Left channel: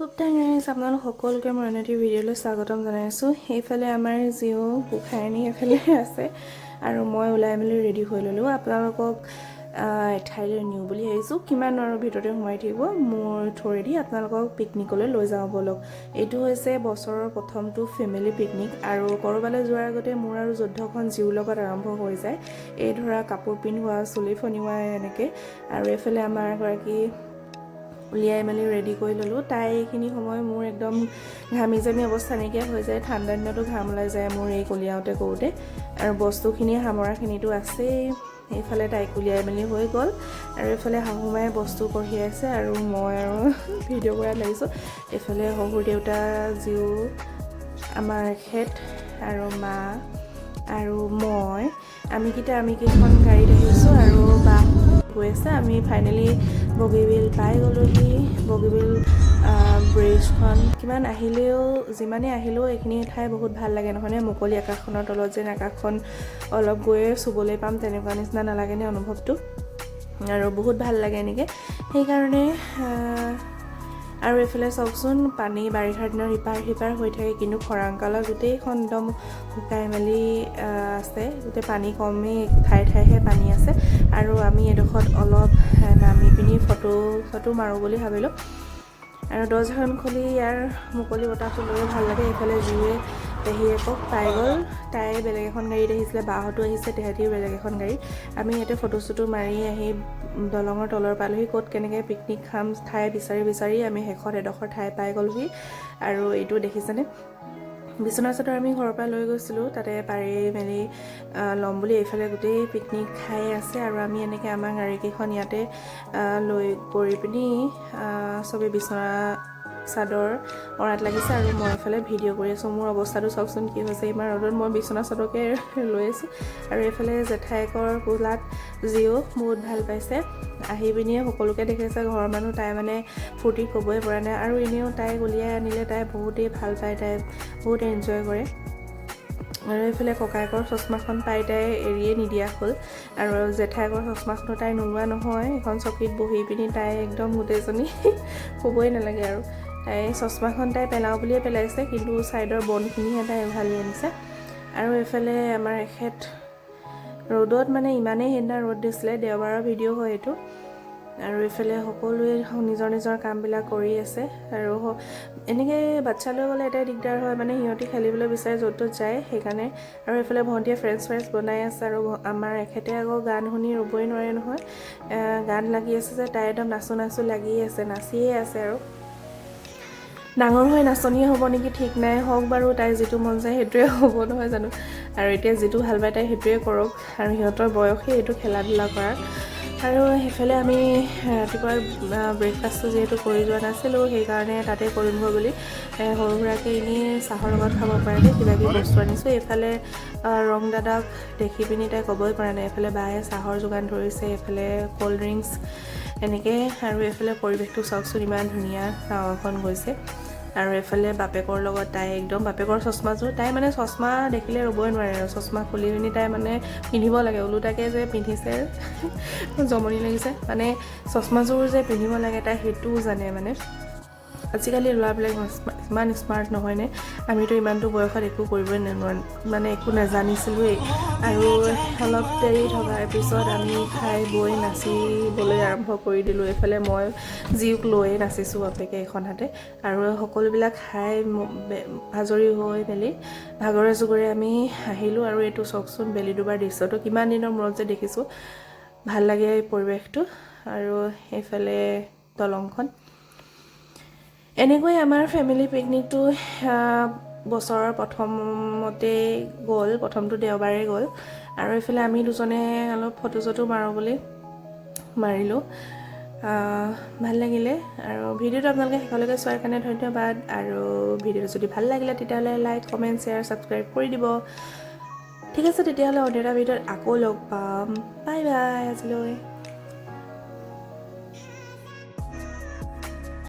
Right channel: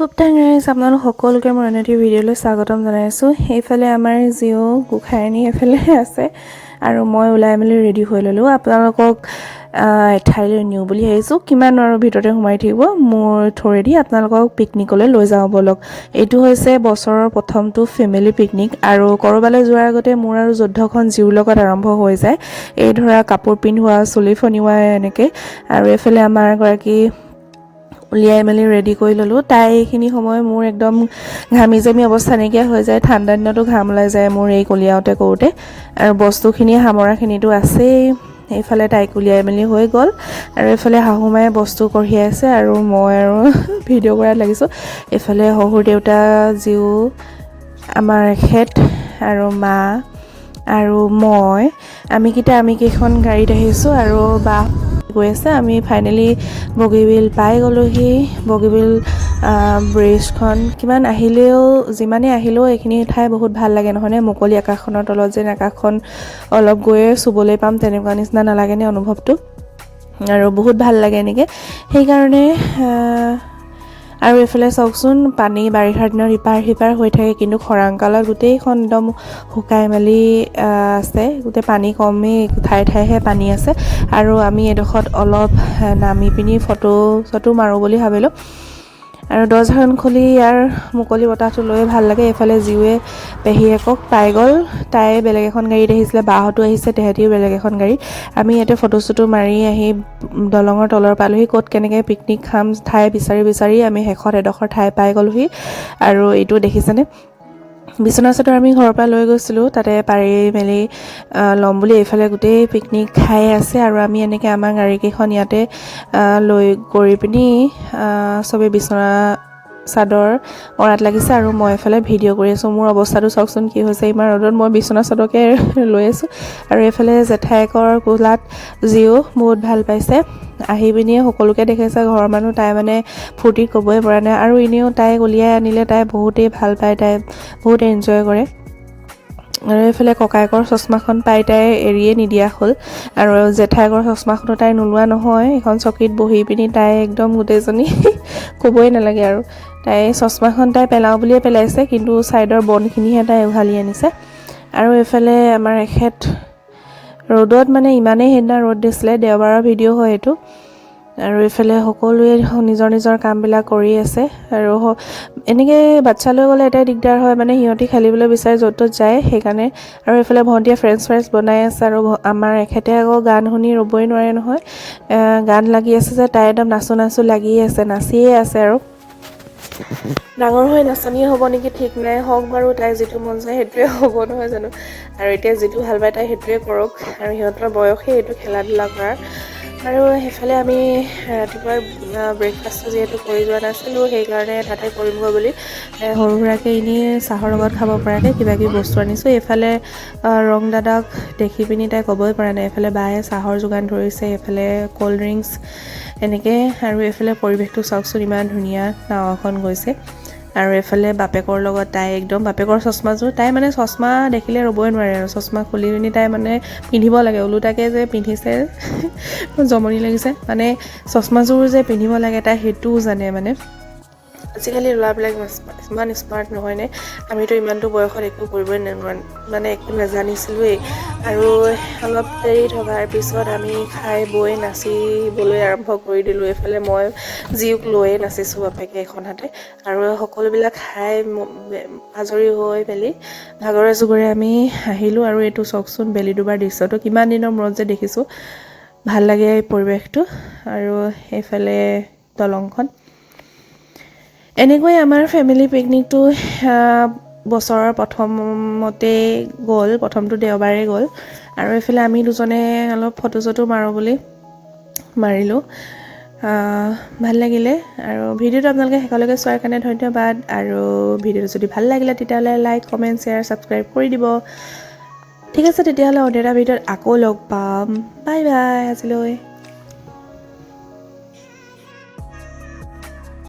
খুব টাইম আপোনালোক সকলোকে মোৰ এনে ভিডিঅ'লৈ স্বাগতম জনাইছোঁ। এইফালে আমাৰ জিঅ' গোসাঁইনী এফালে আছে আৰু মই ওলাই মেলি ৰেডি হৈ ল'লোঁ। আপোনালোকক এঠাইলৈ নিওঁ বুলি ভাবিছোঁ। কিমান আৰু ভিতৰতে সোমাই থাকিব মোৰ থ্ৰুৱেদি আপোনালোকক পিকনিকলৈ লৈ যাওঁ ব'লক। এইটো হৈছে বছৰৰ প্ৰথমটো ফেমিলি পিকনিক আৰু ক'ৰবালৈ যোৱাৰ আগতে মোৰ আৰু যুদ্ধখন জিউৰ লগত আৰম্ভ হৈ যায়। এই ধৰা কাপোৰ পিন্ধোৱা, চুলি ফনিওৱা এনেকৈ। আৰু এইফালে আমাৰ এগৰাকী উলিয়াই মেলি ৰেডি কৰি ল'লোঁ। তাই এইখিনি সময় মোৰ একদম ঘামি জামি অৱস্থা নাইকিয়া হৈ যায়। ঠাণ্ডা দিনতো ঘাম ওলাই যায় মোৰ এই কলিয়াওতে কৰোঁতে, আৰু বস্তুখিনি সামৰাখিনিতো আছেই। এইফালে তাইক উলিয়াই মেলি হৈ গ'ল আৰু এইফালে শাহুমায়ে বস্তু কঢ়িয়াই আছে আৰু মই আৰু ভিডিঅ' কৰাত লাগিছোঁ। এইফালে শহুৰ দেউতা, জীউ, আমাৰ এখেত আৰু মা আৰু মই আমি কেইখন গাড়ীত আহিছোঁ আৰু বা গৈ আছে। আমি ফাইনেলি বগীবিল পাই গ'লোহি। বগীবিল ব্ৰিজখন যিমানে আহিলেও এইখিনি ঠাই বহুত ভাল লাগে নহয়নে? মুকলি আকাশখনৰ তলত যেন আকাশখন অলপ গৈয়ে চুবলৈ পাম তেনেকুৱা নিচিনা নালাগেনে অনুভৱটো? আৰু বহুত ভাল লাগে এনেকৈ। সেইকাৰণে আৰু এইফালে চাওকচোন, পানী বাৰিষাৰ দিনত ইপাৰ সিপাৰ হৈ থাকে, কিন্তু খৰাং কালত গোটেইখন একদম শুকাই মেলি আছে। গোটেই পানী কমেই, ঠায়ে ঠায়েহে পানী আছে। আৰু আমি এডোখৰত অলপ নামি পিনি ফটো মাৰোঁ বুলি ভাবিলোঁ। আৰু দৰ্জাখন খুলি ইয়াৰ মুকলি বতাহটো লৈ ভাল লাগে। এইফালে জীউৱে পেহীয়েকক পাই গ'ল। তাই বেলেগ এখন গাড়ীত আহিছিলে, বাহঁতো আহিছে, তেহেঁতিও বেলেগ এখন গাড়ী। আমি ইয়াতে ফটো মাৰি আহি দলঙৰ তলৰ পালোহি। ক'ত কেনেকৈ পিকনিক খাম ঠাই বিচাৰি আমি শেষত এডোখৰ ঠাই পাই গ'লোহি। আৰু এইটো দেখিছেনে, বিচনা চাদৰ আমি ঘৰৰ পৰা লৈ গৈছিলোঁ, তাতে পাৰি মেলি ল'ম বুলি। এইফালে গোটেই পিকনিক খাই আছে আৰু আমি এনেকৈ আমাৰ গাড়ীকেইখন ইয়াতে লৈ কৰি পিনি চবেই বিচনা চাদৰ মৰাত লাগিছে আৰু মই এইফালে ভিডিঅ' কৰি আছোঁ। মোৰ অৱস্থাটো চাওকচোন কি হৈছে, ইমান ৰ'দত মই বিচনা চাদৰকে লৈ আছোঁ। আৰু এইফালে জেঠাইকৰ কোলাত জিও বহুত ভাল পাইছে। আহি পিনিয়ে সকলোকে দেখাইছে ঘৰৰ মানুহ। তাই মানে ফূৰ্তি ক'বই পৰা নাই। আৰু এনেও তাইক উলিয়াই আনিলে তাই বহুতেই ভাল পায়, তাই বহুত এনজয় কৰে। আৰু এইফালে ককায়েকৰ চশমাখন পাই তাই এৰিয়ে নিদিয়া হ'ল। আৰু জেঠাইকৰ চশমাখনো তাই নোলোৱা নহয়। এখন চকীত বহি পিনি তাই একদম গোটেইজনী ক'বই নালাগে আৰু। তাই চশমাখন তাই পেলাওঁ বুলিয়ে পেলাইছে, কিন্তু ছাইডৰ বনখিনিহে তাই উঘালি আনিছে। আৰু এইফালে আমাৰ এখেত ৰ'দত মানে ইমানেই সেইদিনা ৰ'দ দিছিলে, দেওবাৰৰ ভিডিঅ' হয় এইটো। আৰু এইফালে সকলোৱে নিজৰ নিজৰ কামবিলাক কৰি আছে। আৰু এনেকৈ বাচ্ছা লৈ গ'লে এটাই দিগদাৰ হয়, মানে সিহঁতি খেলিবলৈ বিচাৰে য'ত ত'ত যায়, সেইকাৰণে। আৰু এইফালে ভণ্টিয়ে ফ্ৰেঞ্চ ফ্ৰাইজ বনাই আছে আৰু আমাৰ এখেতে আকৌ গান শুনি ৰ'বই নোৱাৰে নহয়। গান লাগি আছে যে তাই একদম নাচো লাগি আছে, নাচিয়ে আছে। আৰু ডাঙৰ হৈ নাচনীয়ে হ'ব নেকি ঠিক নাই, হওক বাৰু, তাই যিটো মন যায় সেইটোৱে হ'ব নহয় জানো। আৰু এতিয়া যিটো ভাল পায় তাই সেইটোৱে কৰক, আৰু সিহঁতৰ বয়সেই এইটো খেলা ধূলা কৰাৰ। আৰু সেইফালে আমি ৰাতিপুৱাৰ ব্ৰেকফাষ্টটো যিহেতু কৰি যোৱা নাছিলোঁ, সেইকাৰণে তাতে কৰিমগৈ বুলি সৰু সুৰাকৈ এনেই চাহৰ লগত খাব পৰাকৈ কিবাকিবি বস্তু আনিছোঁ। এইফালে ৰং দাদাক দেখি পিনি তাই ক'বই পৰা নাই। এইফালে বায়ে চাহৰ যোগান ধৰিছে, এইফালে ক'ল্ড ড্ৰিংকছ এনেকৈ। আৰু এইফালে পৰিৱেশটো চাওকচোন, ইমান ধুনীয়া নাও এখন গৈছে। আৰু এইফালে বাপেকৰ লগত তাই একদম, বাপেকৰ চশমাযোৰ তাই মানে চশমা দেখিলে ৰ'বই নোৱাৰে আৰু। চশমা খুলি পিনি তাই মানে পিন্ধিব লাগে, ওলোটাকৈ যে পিন্ধিছে জমনি লাগিছে। মানে চশমাযোৰ যে পিন্ধিব লাগে তাই সেইটোও জানে মানে। আজিকালি ল'ৰাবিলাক ইমান স্মাৰ্ট নহয়নে? আমিতো ইমানটো বয়সত একো কৰিবই মানে একো নাজানিছিলোঁৱেই। আৰু অলপ দেৰি থকাৰ পিছত আমি খাই বৈ নাচিবলৈ আৰম্ভ কৰি দিলোঁ। এইফালে মই জীউক লৈয়ে নাচিছোঁ বাপেকে এখন হাতে। আৰু সকলোবিলাক খাই আজৰি হৈ মেলি ভাগৰে জুগৰে আমি আহিলোঁ। আৰু এইটো চাওকচোন, বেলিডুবাৰ দৃশ্যটো কিমান দিনৰ মূৰত যে দেখিছোঁ, ভাল লাগে এই পৰিৱেশটো। আৰু এইফালে দলংখন। এনেকৈ আমাৰ ফেমিলি পিকনিকটো বছৰৰ প্ৰথমতেই গ'ল, প্ৰথমটো দেওবাৰেই গ'ল। আৰু এইফালে আমি দুজনে অলপ ফটো মাৰোঁ বুলি মাৰিলোঁ। ভাল লাগিলে। আৰু ভিডিঅ'টো আপোনালোকে শেষলৈকে চোৱাৰ কাৰণে ধন্যবাদ। আৰু ভিডিঅ'টো যদি ভাল লাগিলে তেতিয়াহ'লে লাইক, কমেণ্ট, শ্বেয়াৰ, ছাবস্ক্ৰাইব কৰি দিব। ঠিক আছে, তেতিয়াহ'লে অন্য এটা ভিডিঅ'ত আকৌ লগ পাম। বাই বাই আজিলৈ।